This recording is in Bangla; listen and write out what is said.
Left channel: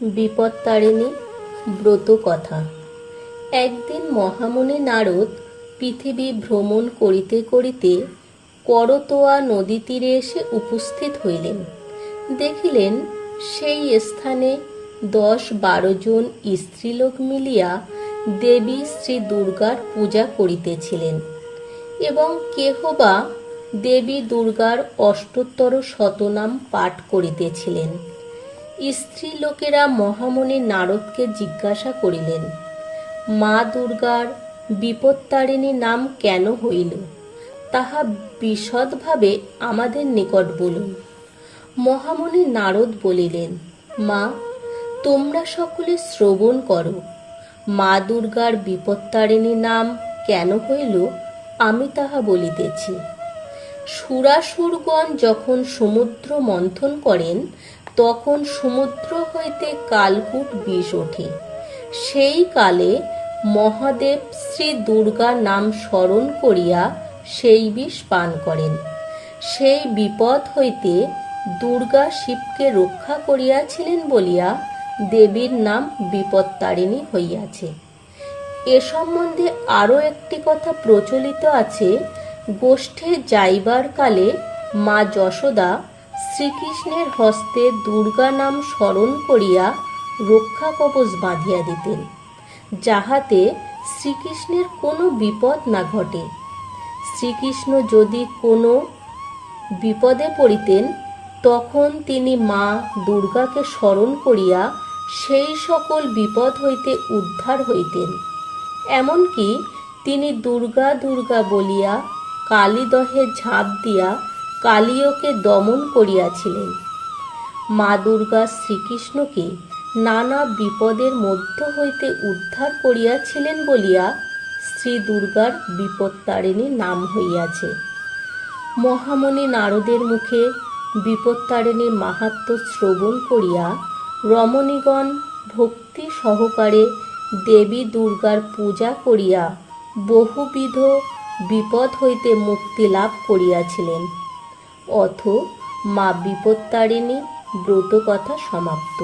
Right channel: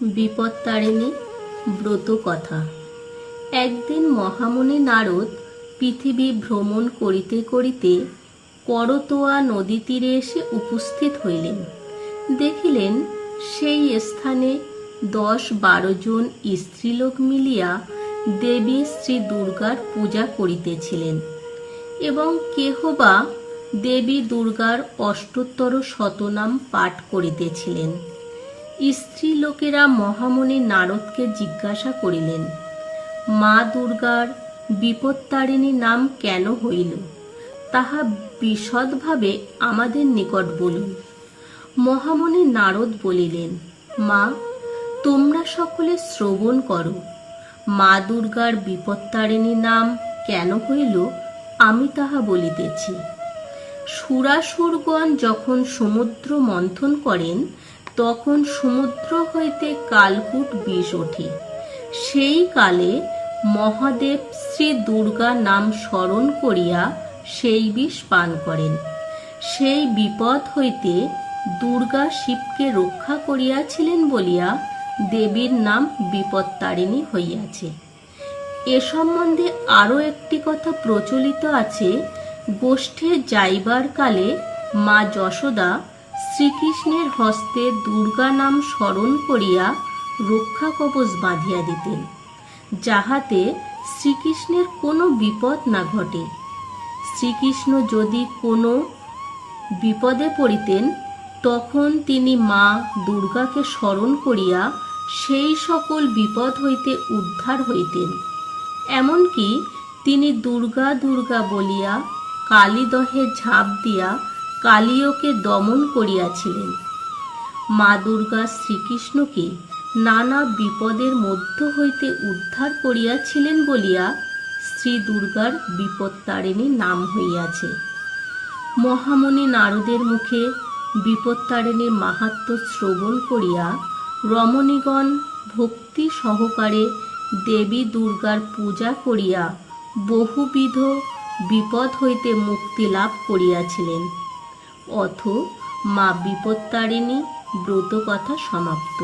বিপত্তারিণী ব্রত কথা। একদিন মহামুনি নারদ পৃথিবী ভ্রমণ করিতে করিতে করতোয়া নদী তীরে এসে উপস্থিত হইলেন। দেখিলেন সেই স্থানে 10-12 জন স্ত্রীলোক মিলিয়া দেবী শ্রী দুর্গার পূজা করিতেছিলেন এবং কেহবা দেবী দুর্গার অষ্টোত্তর শতনাম পাঠ করিতেছিলেন। স্ত্রী লোকেরা মহামুনি নারদকে জিজ্ঞাসা করিলেন, মা দুর্গার বিপত্তারিণী নাম কেন হইল, তাহা বিশদভাবে আমাদের নিকট বলুন। মহামুনি নারদ বলিলেন, মা, তোমরা সকলে শ্রবণ করো। মা দুর্গার বিপত্তারিণী নাম কেন হইল আমি তাহা বলিতেছি। সুরাসুরগণ যখন সমুদ্র মন্থন করেন তখন সমুদ্র হইতে কালকূট বিষ ওঠে। সেই কালে মহাদেব শ্রী দুর্গার নাম স্মরণ করিয়া সেই বিষ পান করেন। সেই বিপদ হইতে দুর্গা শিবকে রক্ষা করিয়াছিলেন বলিয়া দেবীর নাম বিপত্তারিণী হইয়াছে। এ সম্বন্ধে আরও একটি কথা প্রচলিত আছে। গোষ্ঠে যাইবার কালে মা যশোদা শ্রীকৃষ্ণের হস্তে দুর্গা নাম স্মরণ করিয়া রক্ষা কবচ বাঁধিয়া দিতেন, যাহাতে শ্রীকৃষ্ণের কোনো বিপদ না ঘটে। শ্রীকৃষ্ণ যদি কোনো বিপদে পড়িতেন তখন তিনি মা দুর্গাকে স্মরণ করিয়া সেই সকল বিপদ হইতে উদ্ধার হইতেন। এমনকি তিনি দুর্গা দুর্গা বলিয়া কালীদহে ঝাঁপ দিয়া কালীয়কে দমন করিয়াছিলেন। মা দুর্গা শ্রীকৃষ্ণকে নানা বিপদের মধ্য হইতে উদ্ধার করিয়াছিলেন বলিয়া শ্রী দুর্গার বিপত্তারিণী নাম হইয়াছে। মহামুনি নারদের মুখে বিপত্তারিণীর মাহাত্ম্য শ্রবণ করিয়া রমণীগণ ভক্তি সহকারে দেবী দুর্গার পূজা করিয়া বহুবিধ বিপদ হইতে মুক্তি লাভ করিয়াছিলেন। অথ মা বিপত্তারিণী ব্রত কথা সমাপ্ত।